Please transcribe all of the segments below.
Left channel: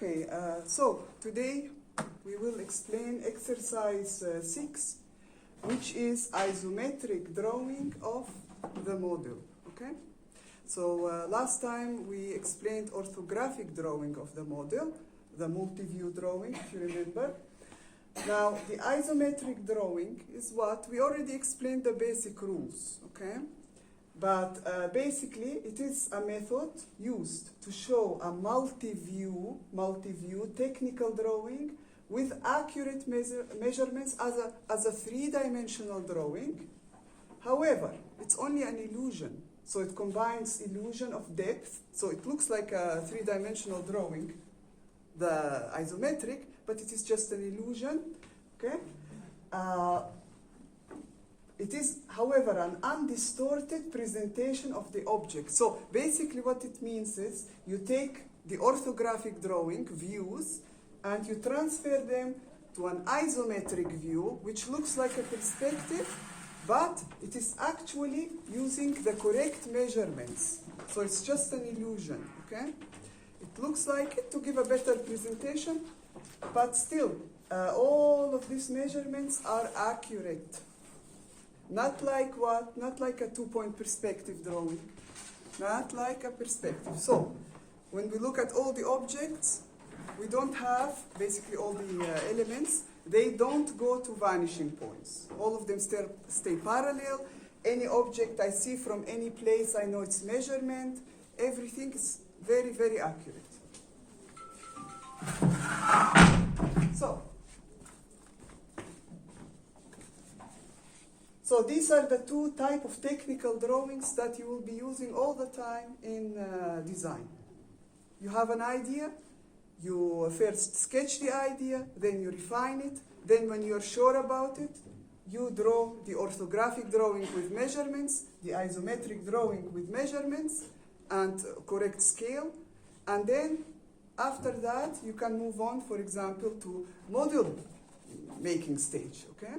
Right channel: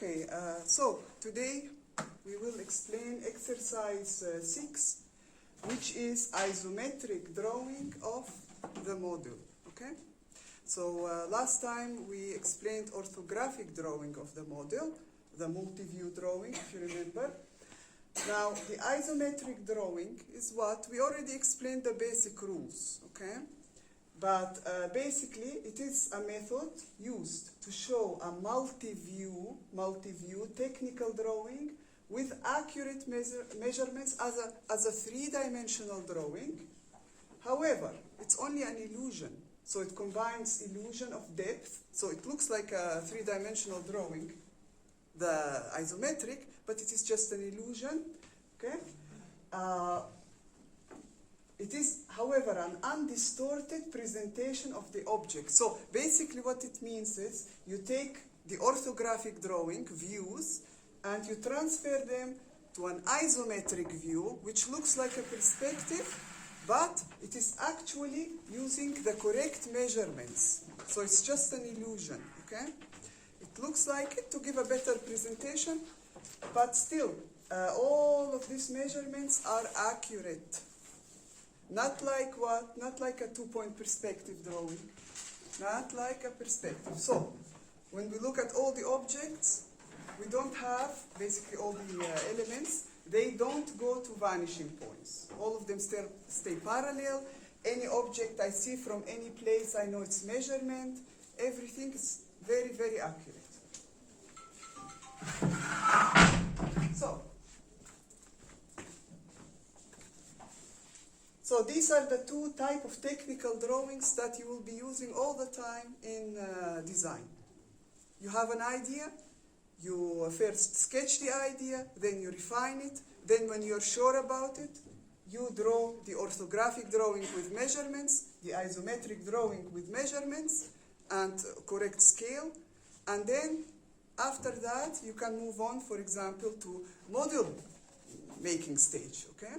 Okay, so today we will explain exercise 6, which is isometric drawing of the model. Okay, so last time we explained orthographic drawing of the model, the multi-view drawing, if you remember. Now, the isometric drawing is what we already explained the basic rules. Okay. But basically, it is a method used to show a multi-view technical drawing with accurate measurements as a three-dimensional drawing. However, it's only an illusion. So it combines illusion of depth. So it looks like a three-dimensional drawing, the isometric, but it is just an illusion. Okay? It is, however, an undistorted presentation of the object. So basically what it means is you take the orthographic drawing views and you transfer them to an isometric view, which looks like a perspective, but it is actually using the correct measurements. So it's just an illusion, okay? It looks like it to give a better presentation, but still, all of these measurements are accurate. Not like what? Not like a two-point perspective drawing. Not like a perspective. So, when we look at all the objects, we don't have, basically all the elements, they don't go to vanishing points. All of them stay parallel. Any object I see from any place, I know its measurement. Everything is very, very accurate. So these are the two types of technical drawings that you will be using all the time in design. You have an idea, you first sketch the idea, then you refine it, then when you're sure about it, you draw the orthographic drawing with measurements, the isometric drawing with measurements and correct scale, and then after that you can move on, for example, to model making stage, okay?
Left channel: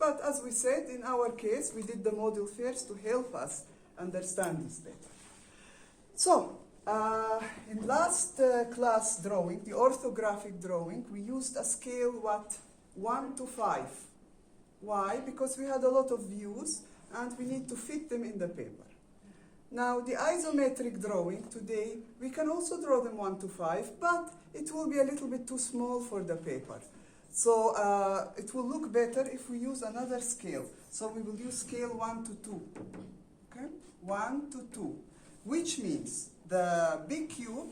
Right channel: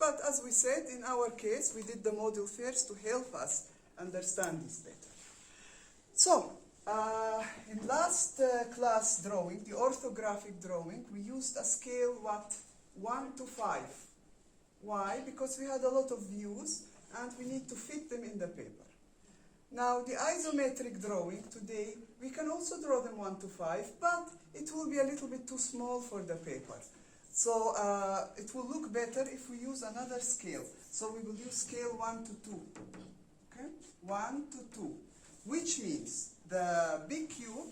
But as we said, in our case, we did the model first to help us understand this better. So, in last class drawing, the orthographic drawing, we used a scale, 1 to 5. Why? Because we had a lot of views, and we need to fit them in the paper. Now, the isometric drawing today, we can also draw them 1 to 5, but it will be a little bit too small for the paper. So it will look better if we use another scale. So we will use scale 1 to 2. Okay? 1 to 2. Which means the big cube,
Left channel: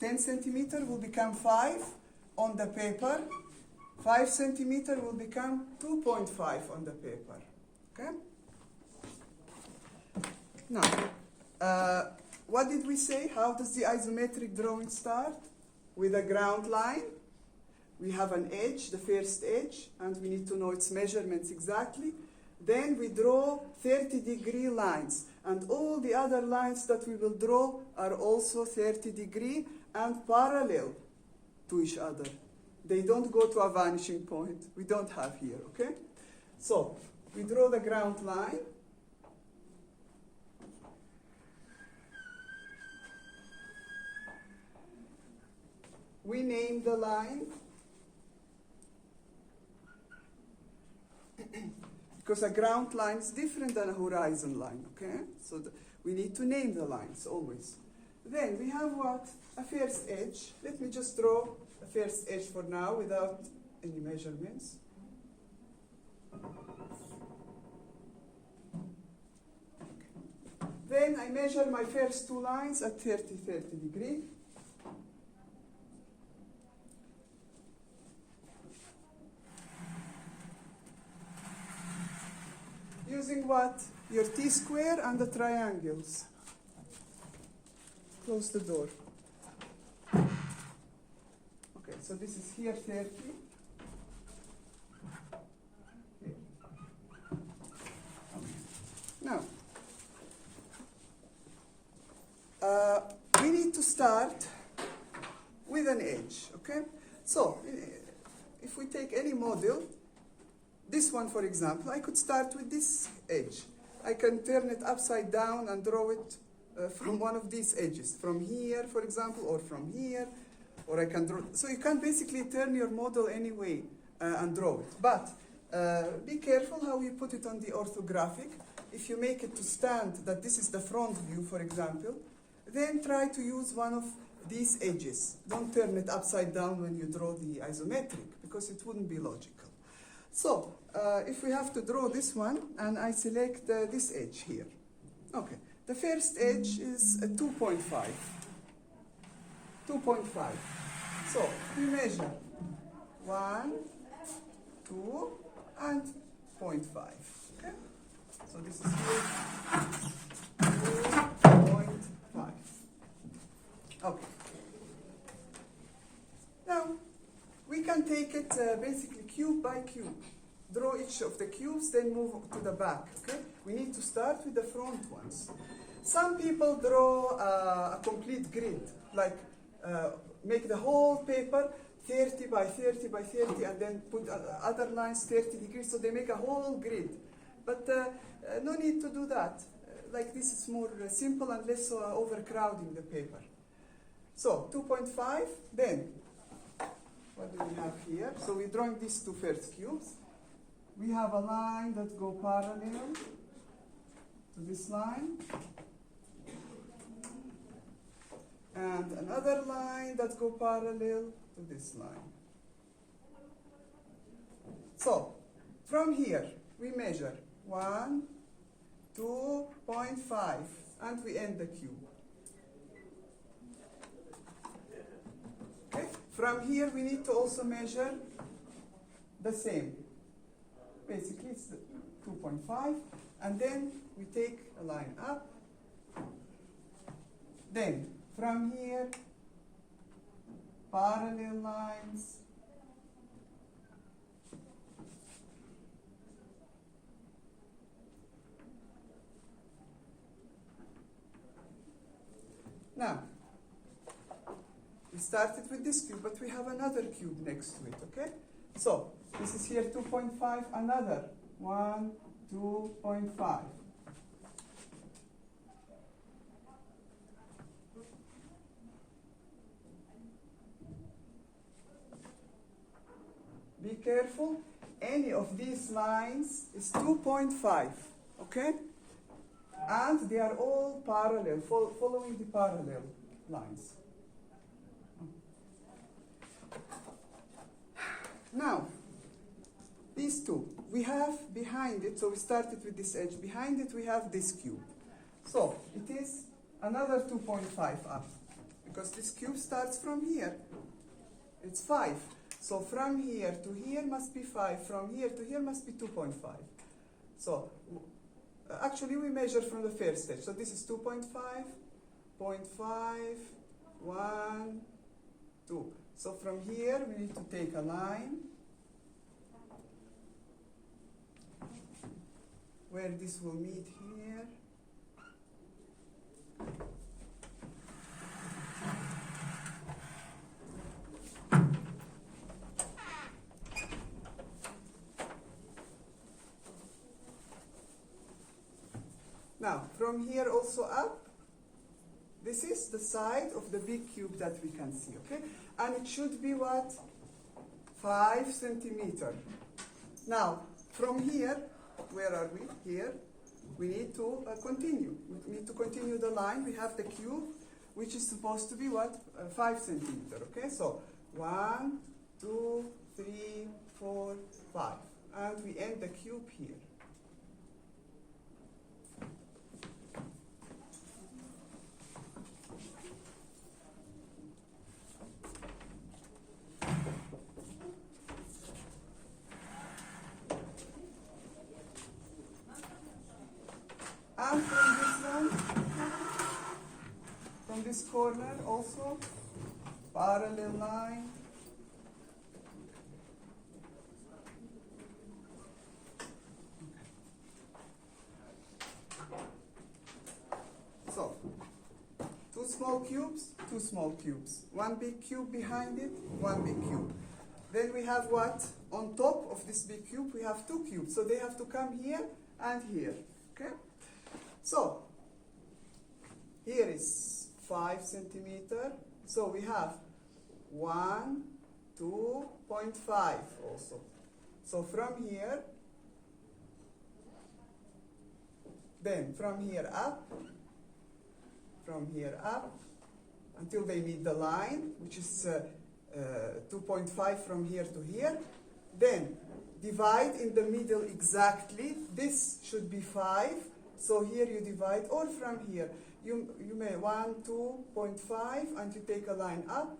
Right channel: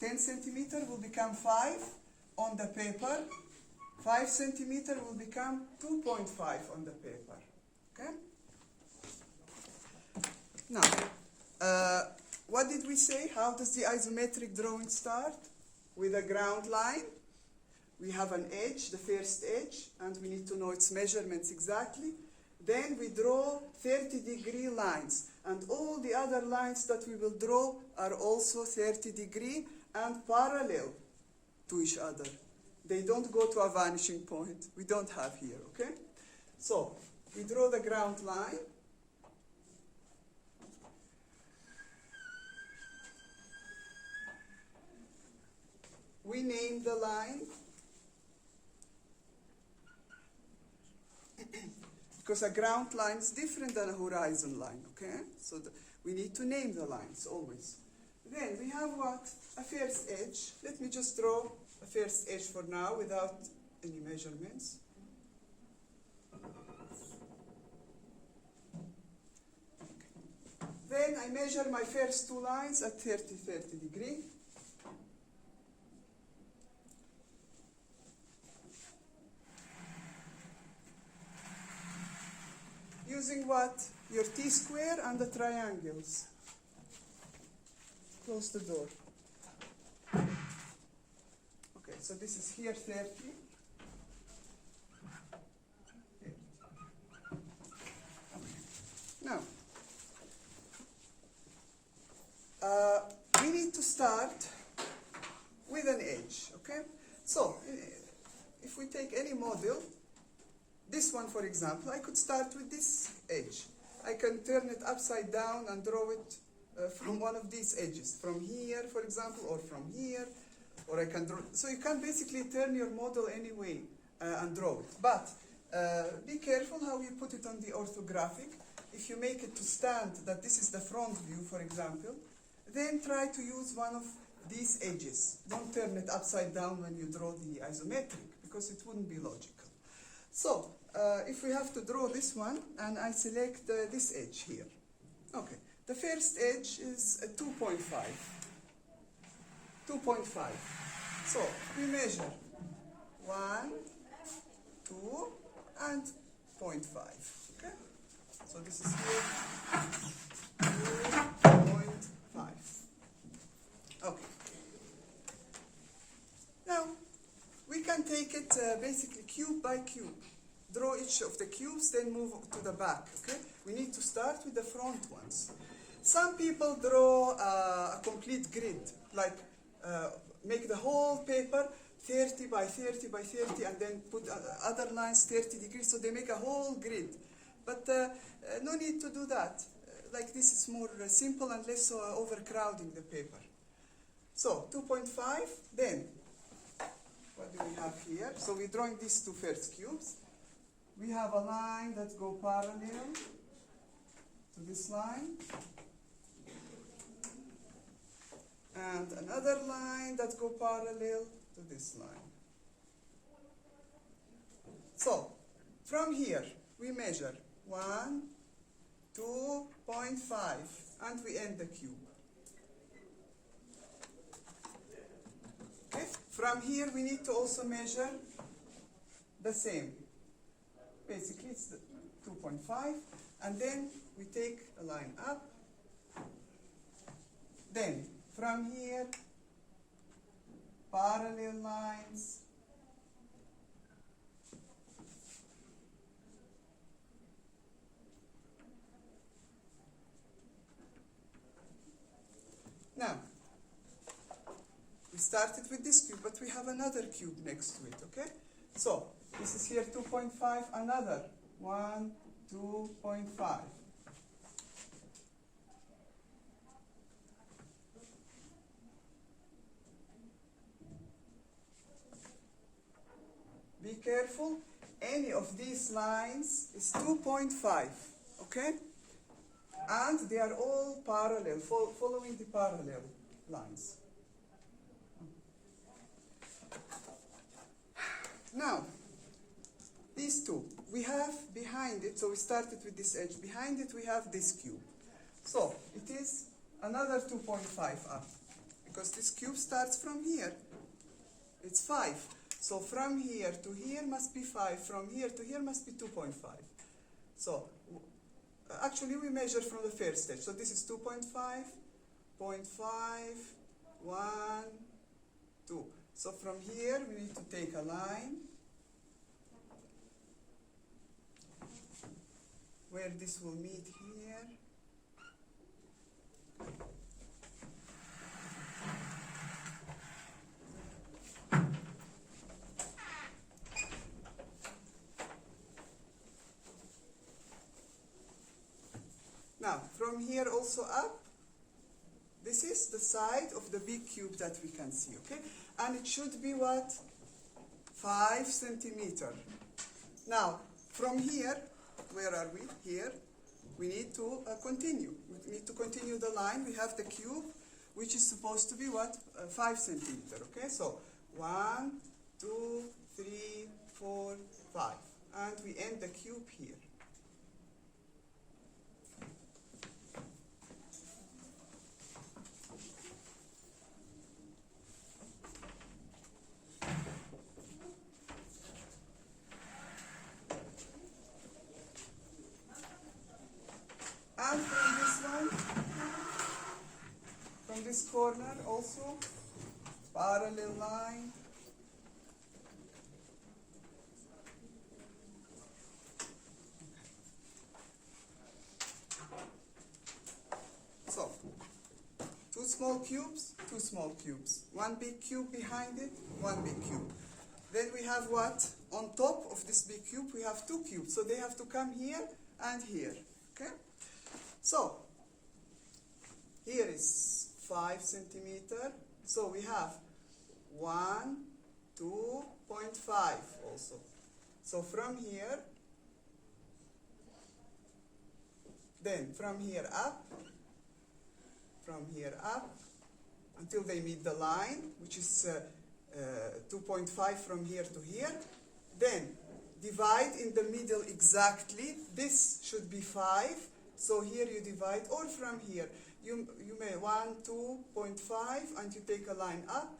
10 centimeter will become 5 on the paper. 5 centimeter will become 2.5 on the paper. Okay? Now, what did we say? How does the isometric drawing start? With a ground line. We have an edge, the first edge, and we need to know its measurements exactly. Then we draw 30-degree lines, and all the other lines that we will draw are also 30-degree and parallel to each other. They don't go to a vanishing point. We don't have here, okay? So, we draw the ground line. We name the line. Because a ground line is different than a horizon line, okay? So we need to name the lines always. Then we have what? A first edge. Let me just draw a first edge for now without any measurements. Okay. Then I measure my first two lines at 30 degree. Using what? Your T-square and the triangles. Close the door. Okay, so this is here 30. Okay. Now, we need to start with an edge, okay? So, if we take any model, this one, for example, I could start with this edge. I can turn it upside down and draw it from one of these edges, from here, for example, or from here, or I can draw. So you can basically turn your model any way and draw it. But be careful how you put it on the orthographic. If you make it to stand that this is the front view, for example, then try to use one of these edges. Don't turn it upside down when you draw the isometric, because it wouldn't be logical. So, if we have to draw this one, and I select this edge here. Okay, the first edge is 2.5. 2.5. So, we measure 1, 2, and 0.5. Okay? So this is here, 2.5. Okay. Now, we can take it basically cube by cube. Draw each of the cubes, then move to the back. Okay? We need to start with the front ones. Some people draw a complete grid, like make the whole paper 30 by 30 by 30, and then put other lines 30 degrees, so they make a whole grid. But no need to do that. Like this, it's more simple and less overcrowding the paper. So 2.5, then what do we have here? So we're drawing these two first cubes. We have a line that goes parallel to this line, and another line that goes parallel to this line. So from here we measure 1, 2.5, and we end the cube. Okay. From here we need to also measure the same. Basically it's 2.5, and then we take a line up. Then from here, parallel lines. Now, we started with this cube, but we have another cube next to it, okay? So, this is here 2.5, another 1, 2.5. Be careful, any of these lines is 2.5, okay? And they are all parallel, following the parallel lines. Now, these two, we have behind it, so we started with this edge, behind it we have this cube. So, it is another 2.5 up, because this cube starts from here. It's 5. So from here to here must be 5, from here to here must be 2.5. So actually we measure from the first edge. So this is 2.5, 0.5, 1, 2. So from here we need to take a line where this will meet here. Now, from here also up, this is the side of the big cube that we can see, okay? And it should be what? 5 centimeters. Now, from here, where are we? Here. We need to continue. We need to continue the line. We have the cube, which is supposed to be what? 5 centimeters, okay? So, 1, 2, 3, 4, 5. And we end the cube here. And from this one, from this corner also, parallel line. So, two small cubes, two small cubes. One big cube behind it, one big cube. Then we have what? On top of this big cube, we have two cubes. So they have to come here and here, okay? So, Here is 5 centimeter. So we have 1, 2.5 also. So from here, then from here up, until they meet the line, which is 2.5 from here to here. Then divide in the middle exactly. This should be 5. So here you divide, or from here. You may 1, 2.5, and you take a line up.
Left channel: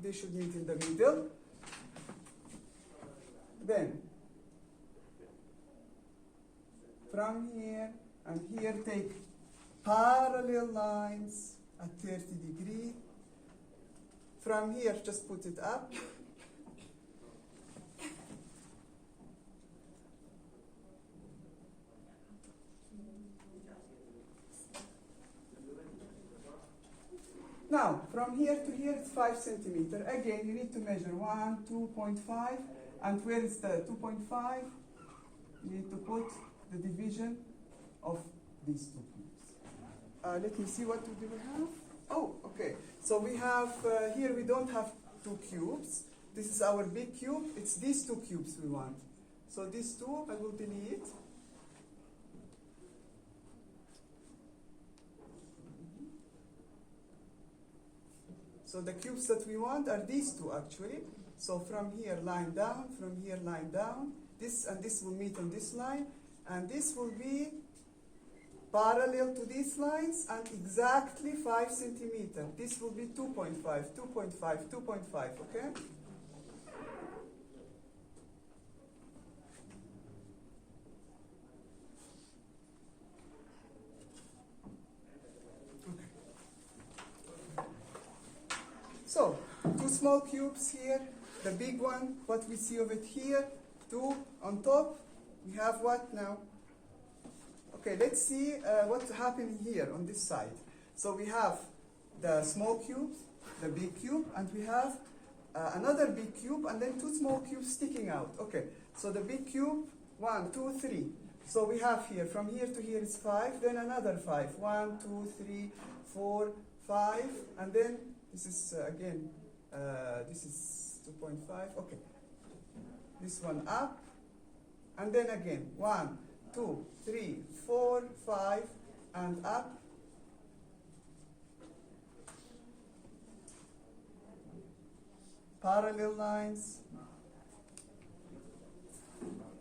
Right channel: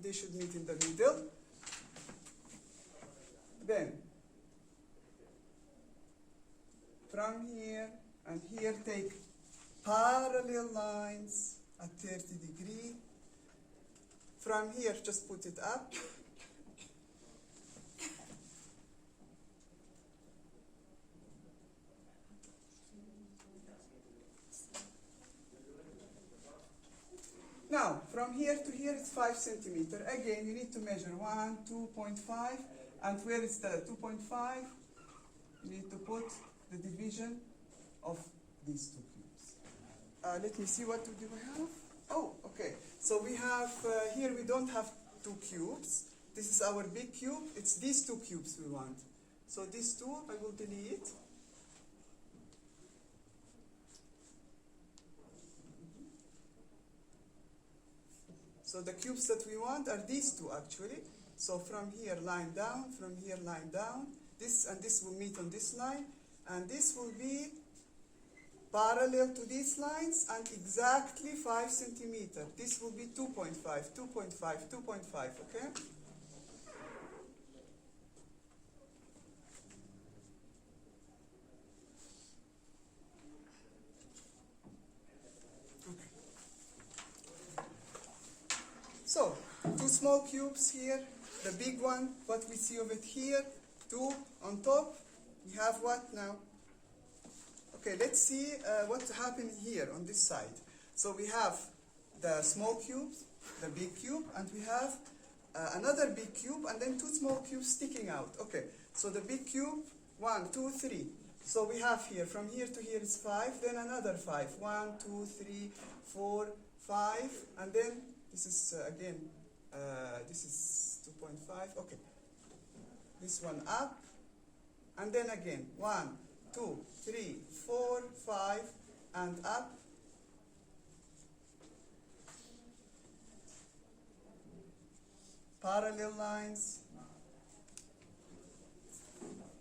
They should meet in the middle. Then from here and here take parallel lines at 30 degrees. From here, just put it up. Now, from here to here, it's 5 centimeter. Again, you need to measure 1, 2.5, and where is the 2.5? You need to put the division of these two cubes. Let me see what do we have. Oh, okay. So we have, here we don't have 2 cubes. This is our big cube. It's these 2 cubes we want. So these 2, I will delete. So the cubes that we want are these 2 actually. So from here, line down, from here, line down. This and this will meet on this line. And this will be parallel to these lines and exactly 5 centimeter. This will be 2.5, 2.5, 2.5, okay? So, 2 small cubes here, the big one, what we see of it here, 2 on top. We have what now? Okay, let's see what's happening here on this side. So we have the small cube, the big cube, and we have another big cube, and then 2 small cubes sticking out. Okay, so the big cube, 1, 2, 3. So we have here, from here to here is 5, then another 5. 1, 2, 3, 4, 5, and then this is again, this is 2.5. Okay, this one up, and then again 1, 2, 3, 4, 5, and up. Parallel lines.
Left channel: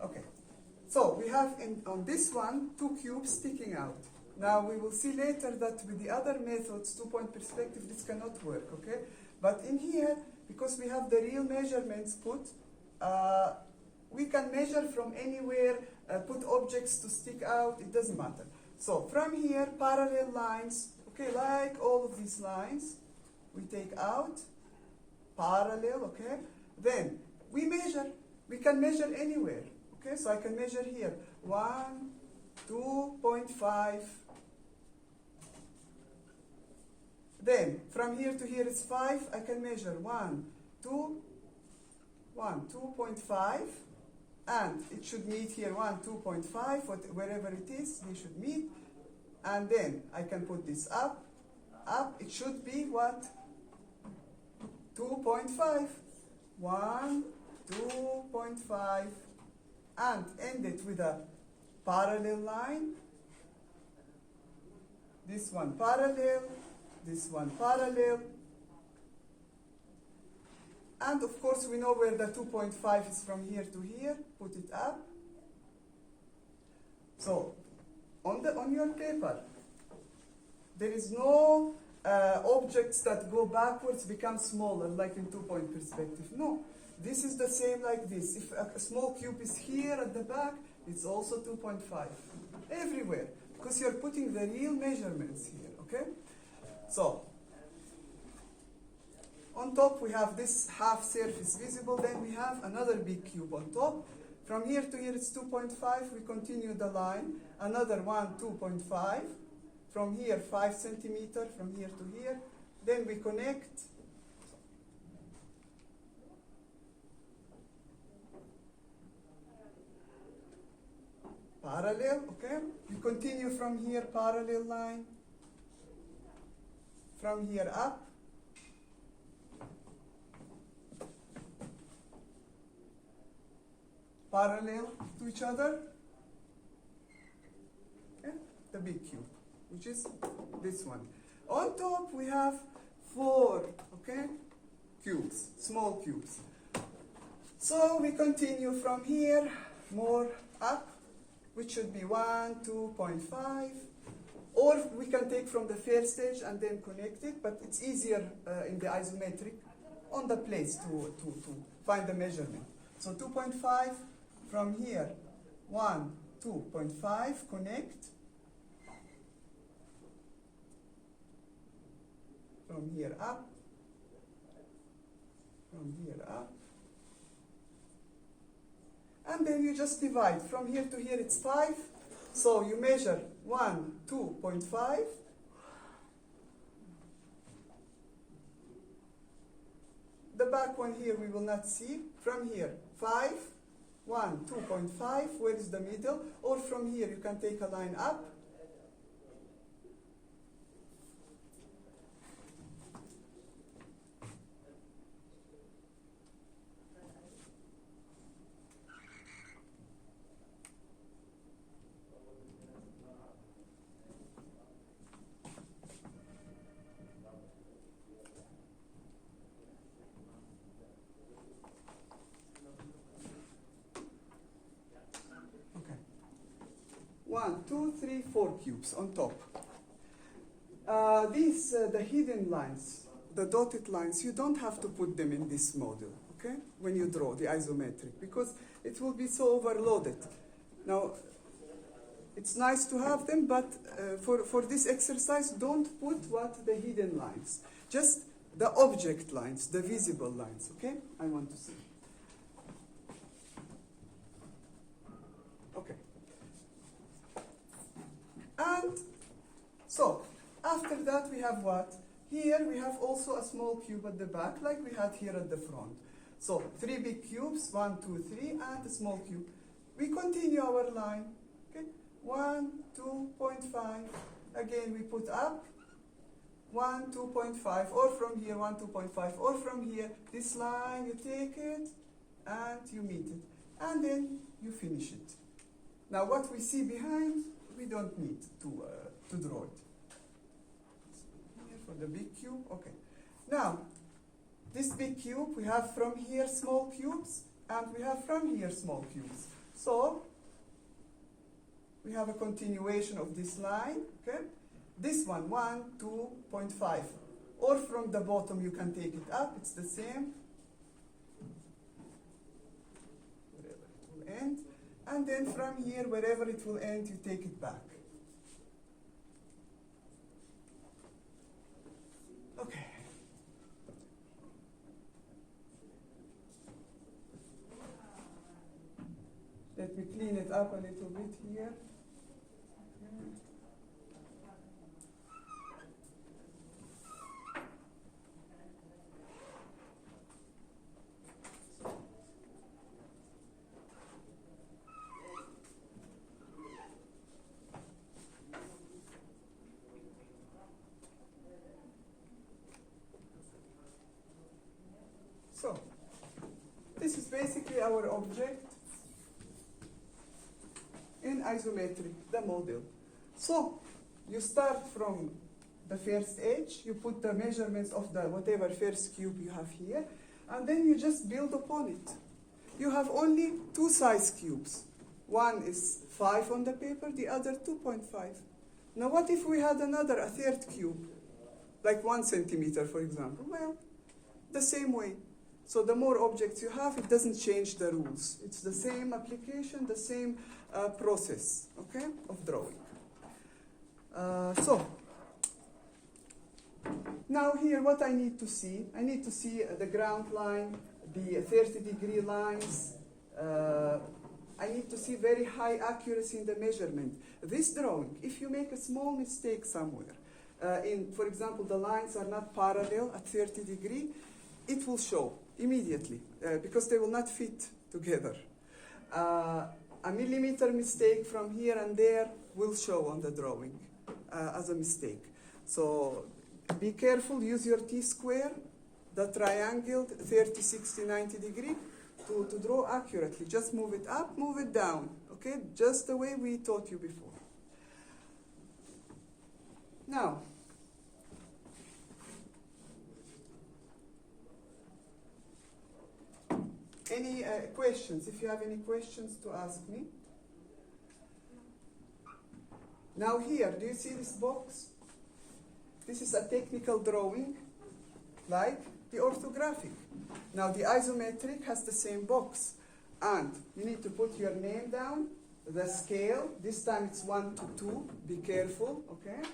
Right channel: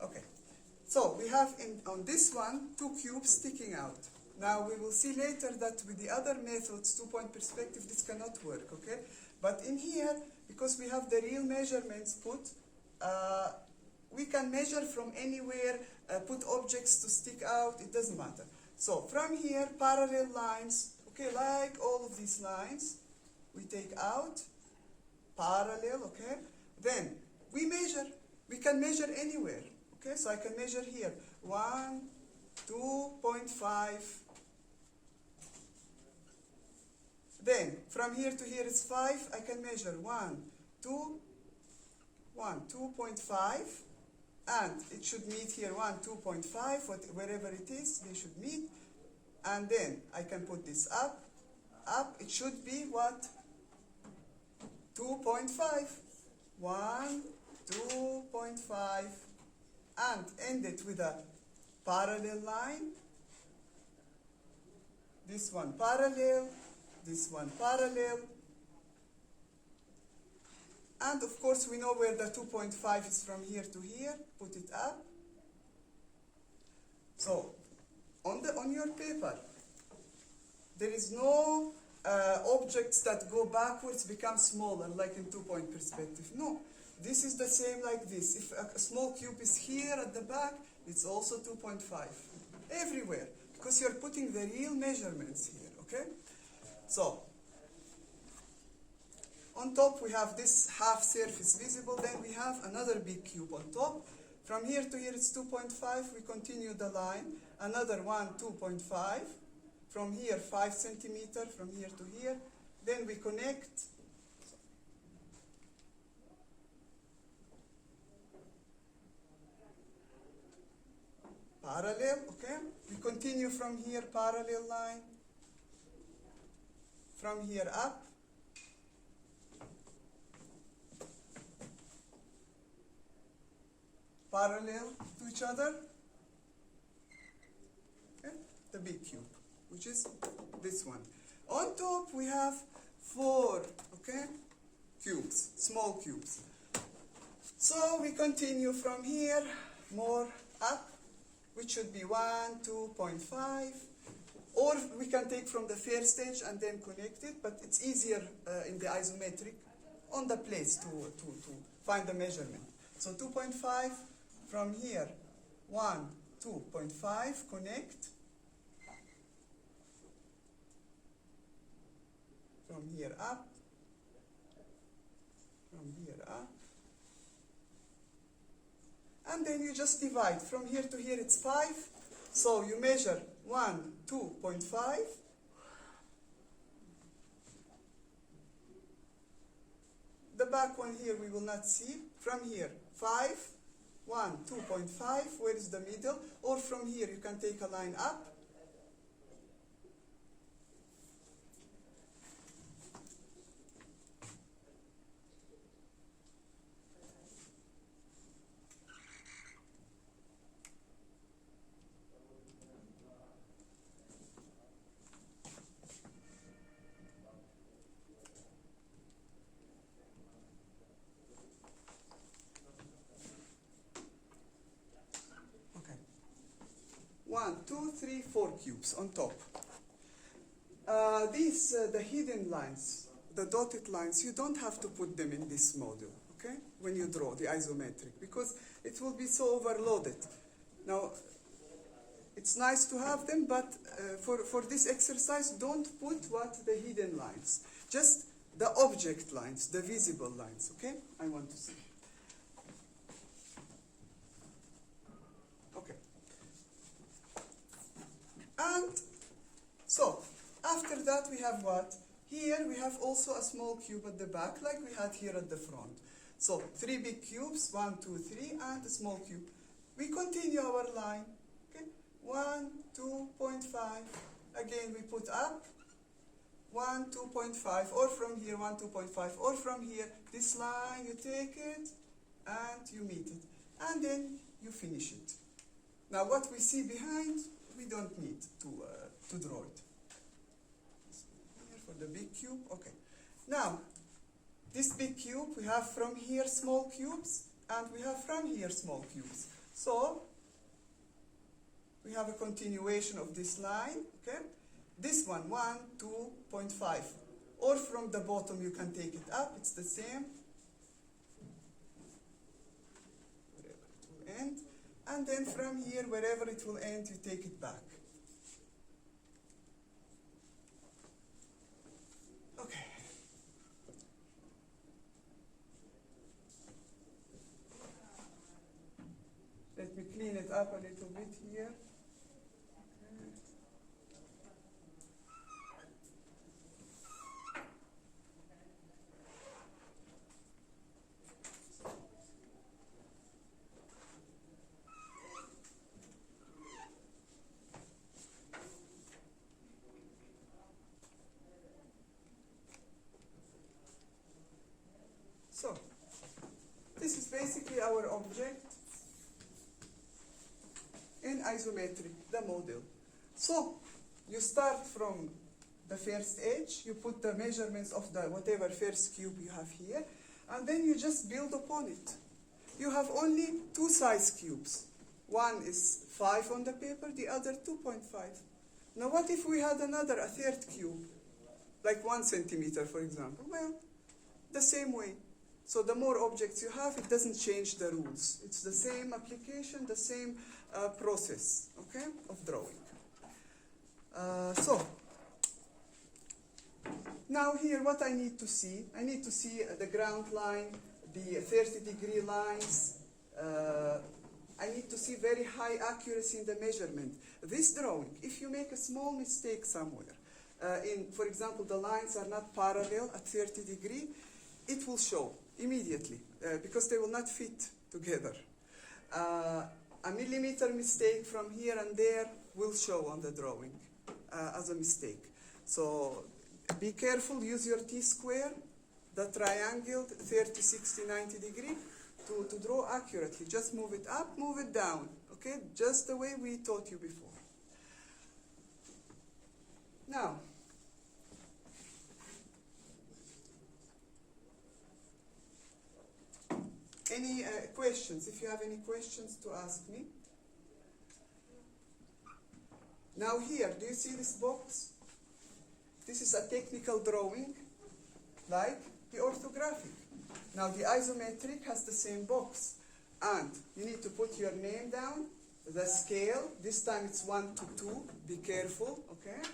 Okay, so we have on this one 2 cubes sticking out. Now we will see later that with the other methods, 2-point perspective, this cannot work, okay? But in here, because we have the real measurements put, we can measure from anywhere, put objects to stick out, it doesn't matter. So from here, parallel lines, okay, like all of these lines, we take out, parallel, okay? Then we measure, we can measure anywhere, okay? So I can measure here, 1, 2.5. Then from here to here is 5, I can measure 1, 2, 2.5, and it should meet here 1, 2.5, wherever it is, they should meet. And then I can put this up, it should be what? 2.5, 1, 2.5, and end it with a parallel line. This one parallel, this one parallel. And of course we know where the 2.5 is from here to here, put it up. So on your paper, there is no objects that go backwards become smaller like in 2-point perspective. No, this is the same like this. If a small cube is here at the back, it's also 2.5 everywhere because you're putting the real measurements here, okay? So on top we have this half surface visible, then we have another big cube on top. From here to here it's 2.5, we continue the line, another one 2.5, from here 5 centimeter, from here to here, then we connect. Parallel, okay? We continue from here, parallel line. from here up. Parallel to each other. Okay? The big cube, which is this one. On top we have 4, okay, cubes, small cubes. So we continue from here, more up, which should be 1, 2.5. Or we can take from the first stage and then connect it, but it's easier in the isometric on the place to find the measurement. So 2.5 from here, 1, 2.5, connect. From here up, from here up. And then you just divide. From here to here it's 5. So you measure 1, 2.5. The back one here we will not see. From here, 5, 1, 2.5, where is the middle? Or from here you can take a line up. One, two, three, 4 cubes on top. The hidden lines, the dotted lines, you don't have to put them in this model, okay? When you draw the isometric, because it will be so overloaded. Now, it's nice to have them, but for this exercise, don't put the hidden lines. Just the object lines, the visible lines, okay? I want to see. Okay. And so, after that we have what? Here we have also a small cube at the back, like we had here at the front. So, 3 big cubes, 1, 2, 3, and a small cube. We continue our line. Okay? 1, 2.5. Again, we put up 1, 2.5, or from here 1, 2.5, or from here. This line, you take it and you meet it, and then you finish it. Now, what we see behind, we don't need to draw it. Here for the big cube, okay. Now, this big cube, we have from here small cubes, and we have from here small cubes. So, we have a continuation of this line, okay? This one, 1, 2.5. Or from the bottom, you can take it up, it's the same. Wherever it will end. And then from here, wherever it will end, you take it back. Okay. Let me clean it up a little bit here. Okay. So, this is basically our object in isometric, the model. So, you start from the first edge, you put the measurements of the whatever first cube you have here, and then you just build upon it. You have only 2 size cubes. One is 5 on the paper, the other 2.5. Now what if we had a third cube, like 1 centimeter, for example? Well, the same way. So the more objects you have, it doesn't change the rules. It's the same application, the same process, okay, of drawing. So, now here what I need to see the ground line, the 30-degree lines. I need to see very high accuracy in the measurement. This drawing, if you make a small mistake somewhere, for example, the lines are not parallel at 30 degree, it will show immediately because they will not fit together. A millimeter mistake from here and there will show on the drawing as a mistake. So Be careful, use your T-square, the triangle, 30, 60, 90 degree, to draw accurately. Just move it up, move it down, okay? Just the way we taught you before. Now, any questions? If you have any questions to ask me. Now here, do you see this box? This is a technical drawing, like the orthographic. Now the isometric has the same box. And you need to put your name down, the scale, this time it's 1 to 2, be careful, okay?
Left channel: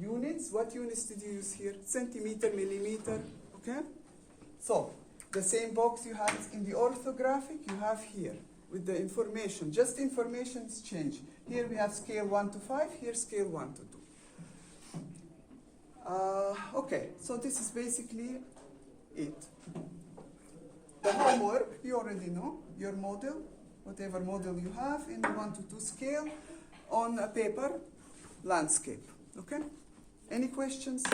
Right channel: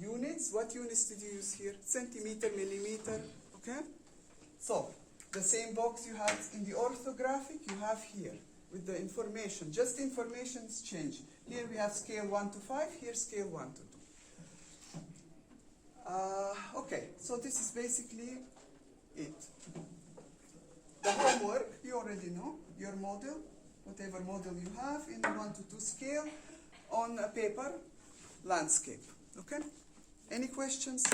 Units, what units did you use here? Centimeter, millimeter, okay? So, the same box you have in the orthographic, you have here, with the information. Just information's change. Here we have scale 1 to 5, here scale 1 to 2. Okay, so this is basically it. The homework, you already know, your model, whatever model you have in the 1 to 2 scale on a paper landscape, okay? Any questions?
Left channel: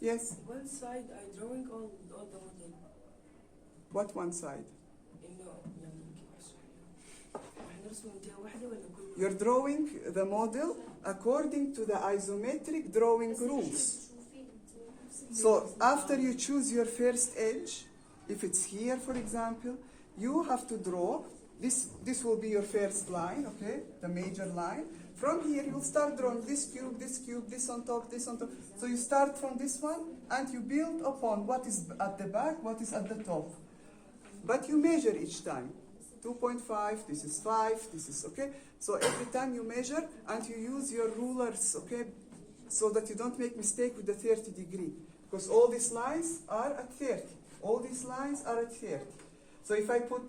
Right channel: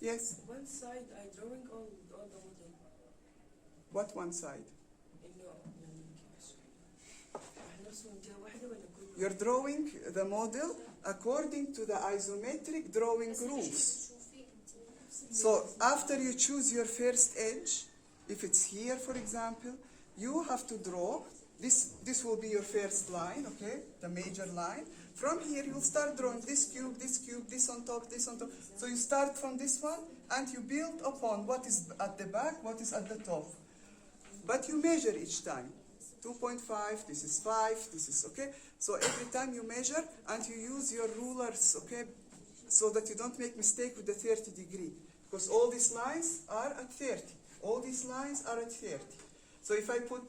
Yes? One side I'm drawing all the model. What one side? You're drawing the model according to the isometric drawing rules. So after you choose your first edge, if it's here, for example, you have to draw, this will be your first line, okay, the major line. From here, you will start drawing this cube, this on top, this on top. So you start from this one, and you build upon what is at the back, what is at the top. But you measure each time. 2.5, this is 5, this is, okay? So every time you measure, and you use your rulers, okay, so that you don't make mistake with the 30 degree. Because all these lines are at 30. All these lines are at 30. So if I put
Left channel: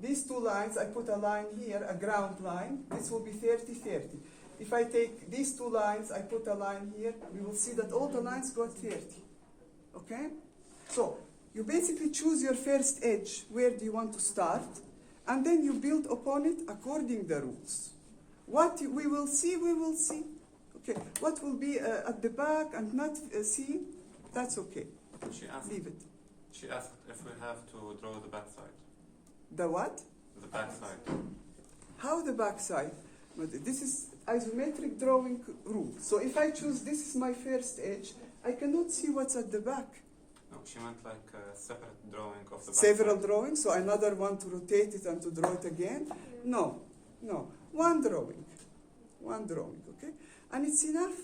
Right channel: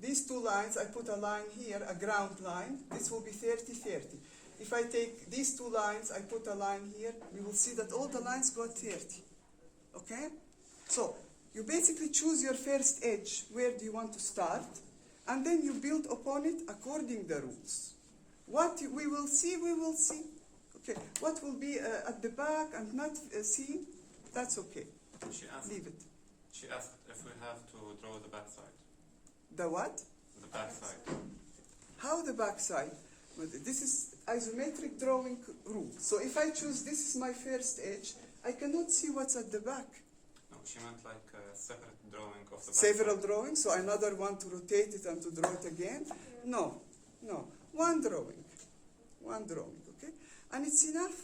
these two lines, I put a line here, a ground line, this will be 30, 30. If I take these two lines, I put a line here, you will see that all the lines go at 30. Okay? So, you basically choose your first edge, where do you want to start, and then you build upon it according to the rules. What we will see, we will see. Okay, what will be at the back and not seen, that's okay. Leave it. She asked if we have to draw the back side. The what? The back side. How the back side? This is isometric drawing rule. So if I choose this is my first edge, I cannot see what's at the back. No, she meant like a separate drawing of the back Several side. drawings, so another one to rotate it and to draw it again? No, no. One drawing, okay? And it's enough,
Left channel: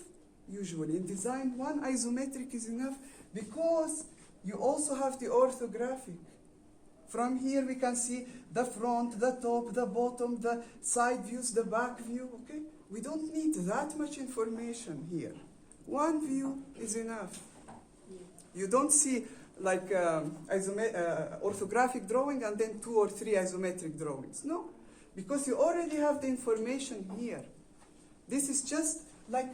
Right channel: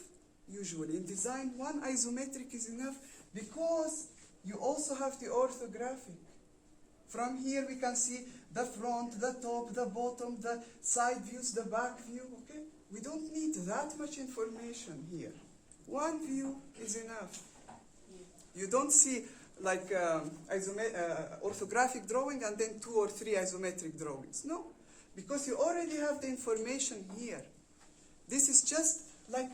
usually. In design, one isometric is enough because you also have the orthographic. From here we can see the front, the top, the bottom, the side views, the back view, okay? We don't need that much information here. One view is enough. You don't see like orthographic drawing and then 2 or 3 isometric drawings. No, because you already have the information here. This is just like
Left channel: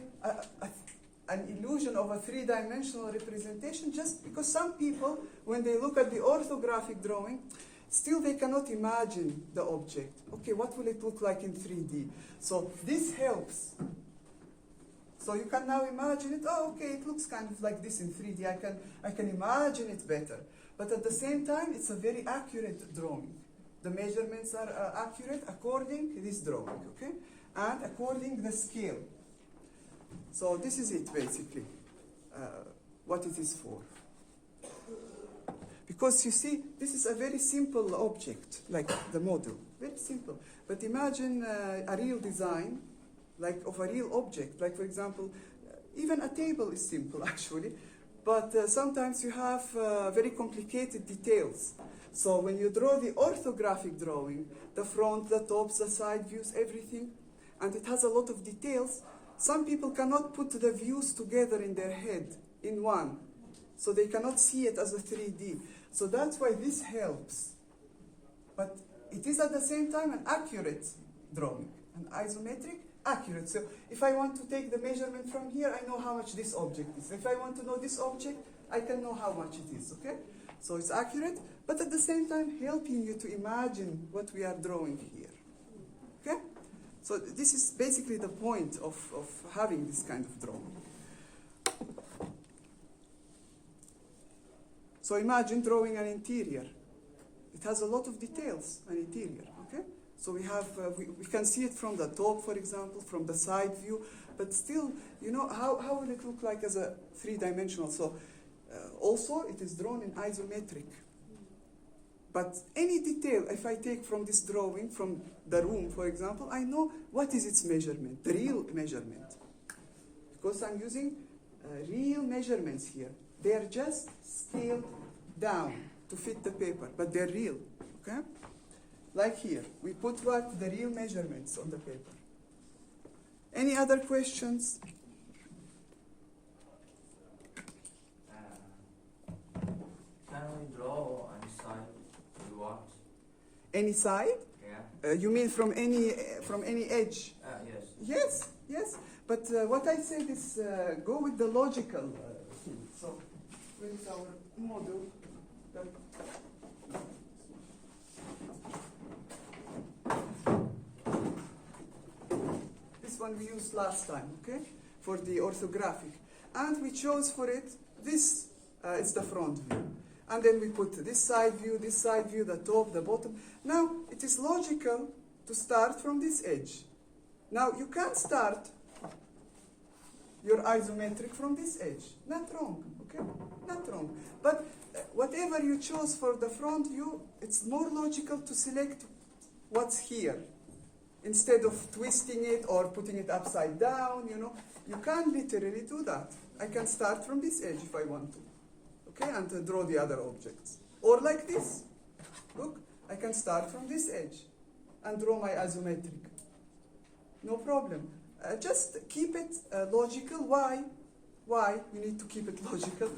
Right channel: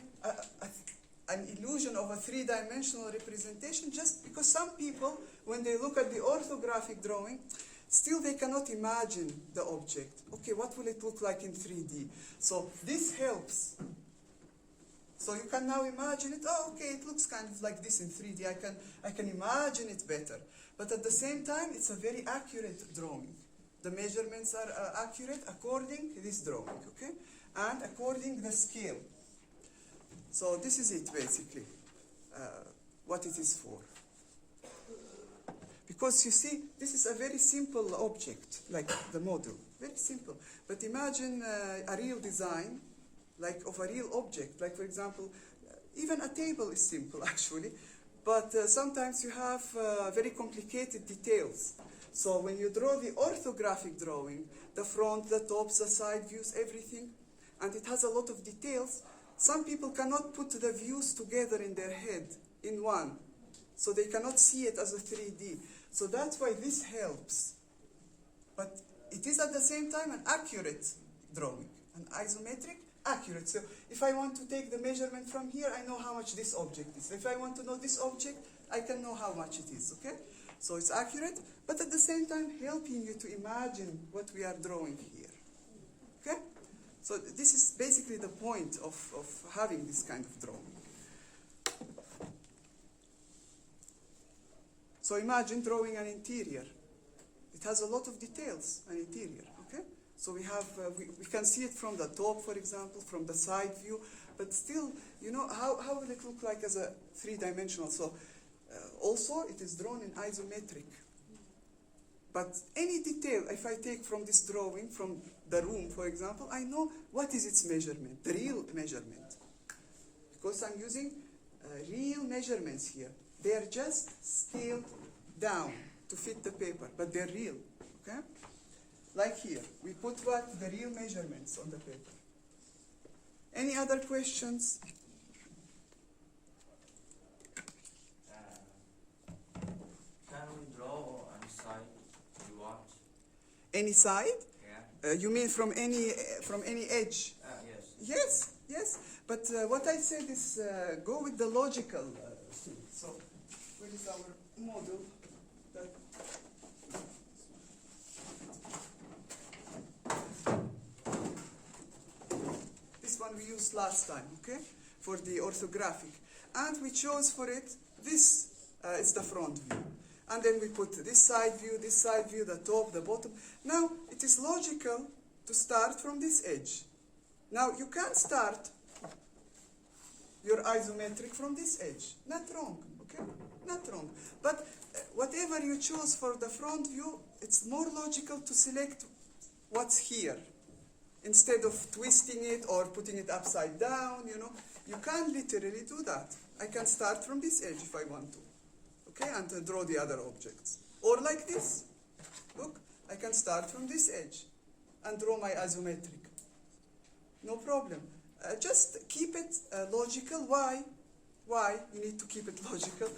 an illusion of a 3-dimensional representation, just because some people, when they look at the orthographic drawing, still they cannot imagine the object. Okay, what will it look like in 3D? So this helps. So you can now imagine it, oh, okay, it looks kind of like this in 3D. I can imagine it better. But at the same time, it's a very accurate drawing. The measurements are accurate according to this drawing, okay? And according to the scale. So this is it, basically, what it is for. Because you see, this is a very simple object, like the model, very simple. But imagine a real design, like of a real object. Like, for example, even a table is simple, actually. But sometimes you have very complicated details. So when you draw the orthographic drawing, the front, the tops, the side views, everything, and it has a lot of details, some people cannot put the views together in their head in one. So they cannot see it as a 3D. So that's why this helps. But it is at the same time an accurate drawing. An isometric, accurate. So if I want to take the measurement from here, I know how much this object is. If I want to know this object, I can know how much it is, okay? So it's accurate, but at the same time helping you to imagine what we are drawing here, okay? So this is basically the point of having this kind of drawing. So imagine drawing an interior. It has a lot of details, an interior, okay? So we have, we can see it from the top, for example, from the side view, but still, you know, how will it look like as a three-dimensional? So also, it is drawn in isometric. But any detail, if I take from this drawing, from the room, for example, I know what is its measurement, the real measurement. Because I'm using real measurements here. They are just scaled down to fit the paper, but they're real, okay? Like here, we put what? The real measurements on the paper. Any other questions? Can we draw on the side we want? Any side? Yeah. You mean from any edge? Yes. Yes, yes. But what I said is go with the logical thing. So, where is our model? This one we used last time, okay? For the orthographic. And we chose for it, this is the front view. And then we put this side view, the top, the bottom. Now, it is logical to start from this edge. Now, you can't start your isometric from this edge. Not wrong, okay? Not wrong. But whatever you choose for the front view, it's more logical to select what's here instead of twisting it or putting it upside down, you know. You can't literally do that. I can start from this edge if I want to, okay, and draw the other objects. Or like this. Look, I can start from this edge and draw my isometric. No problem. Just keep it logical. Why? Why? You need to keep it logical.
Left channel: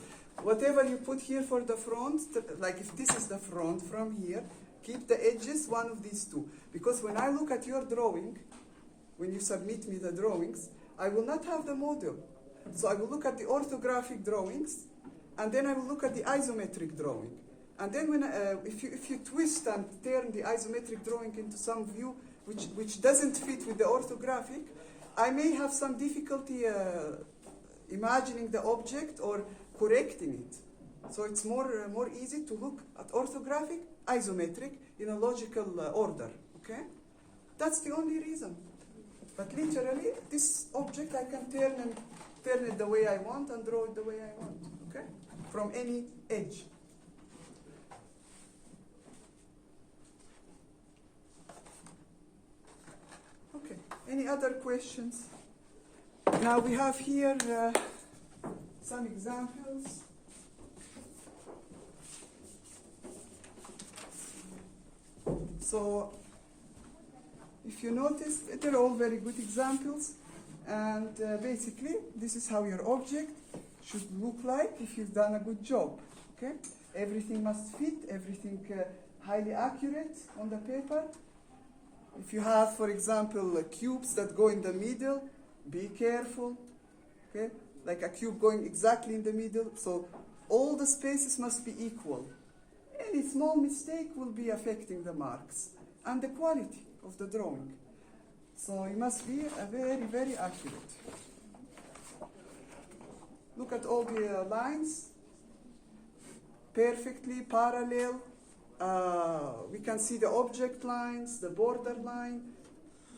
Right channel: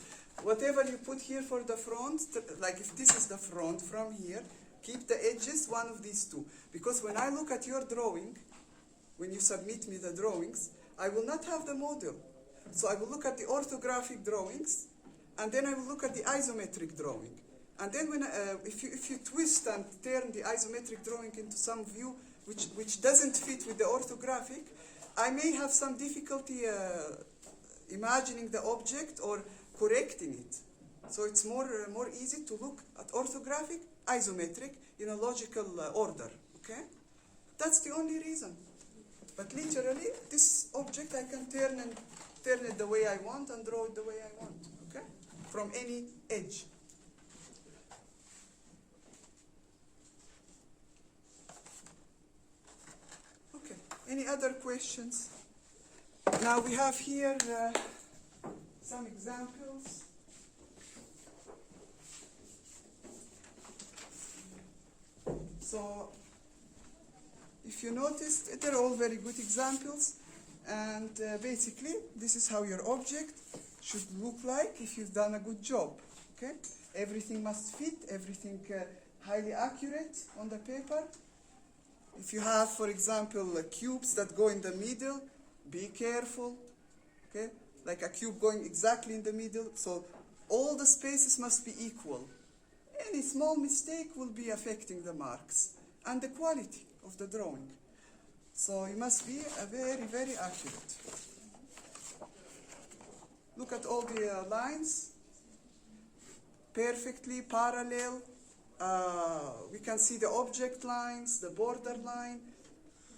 Whatever you put here for the front, like if this is the front from here, keep the edges one of these two. Because when I look at your drawing, when you submit me the drawings, I will not have the model. So I will look at the orthographic drawings, and then I will look at the isometric drawing. And then when, if you twist and turn the isometric drawing into some view which doesn't fit with the orthographic, I may have some difficulty imagining the object or correcting it. So it's more easy to look at orthographic, isometric in a logical order, okay? That's the only reason. But literally, this object I can turn it the way I want and draw it the way I want, okay? From any edge. Okay, any other questions? Now we have here some examples. So, if you notice, they're all very good examples, and basically, this is how your object should look like if you've done a good job, okay? Everything must fit, everything highly accurate on the paper. If you have, for example, cubes that go in the middle, be careful, okay? Like a cube going exactly in the middle, so all the spaces must be equal. Any small mistake will be affecting the marks and the quality of the drawing. So it must be very, very accurate. Look at all the lines, perfectly parallel. We can see the object lines, the border line,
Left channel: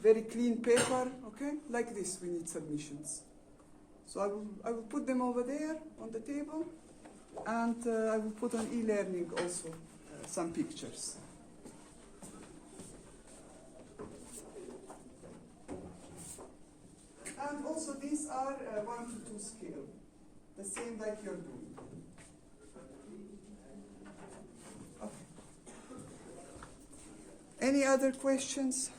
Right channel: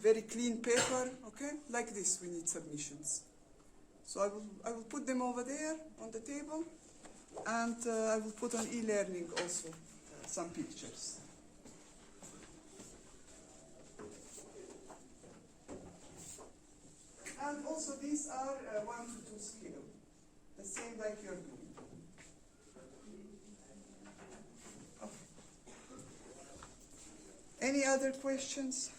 very clean paper, okay? Like this, we need submissions. So I will put them over there on the table, and I will put on e-learning also some pictures. And also these are 1:2 scale, the same like you're doing. Okay. Any other questions?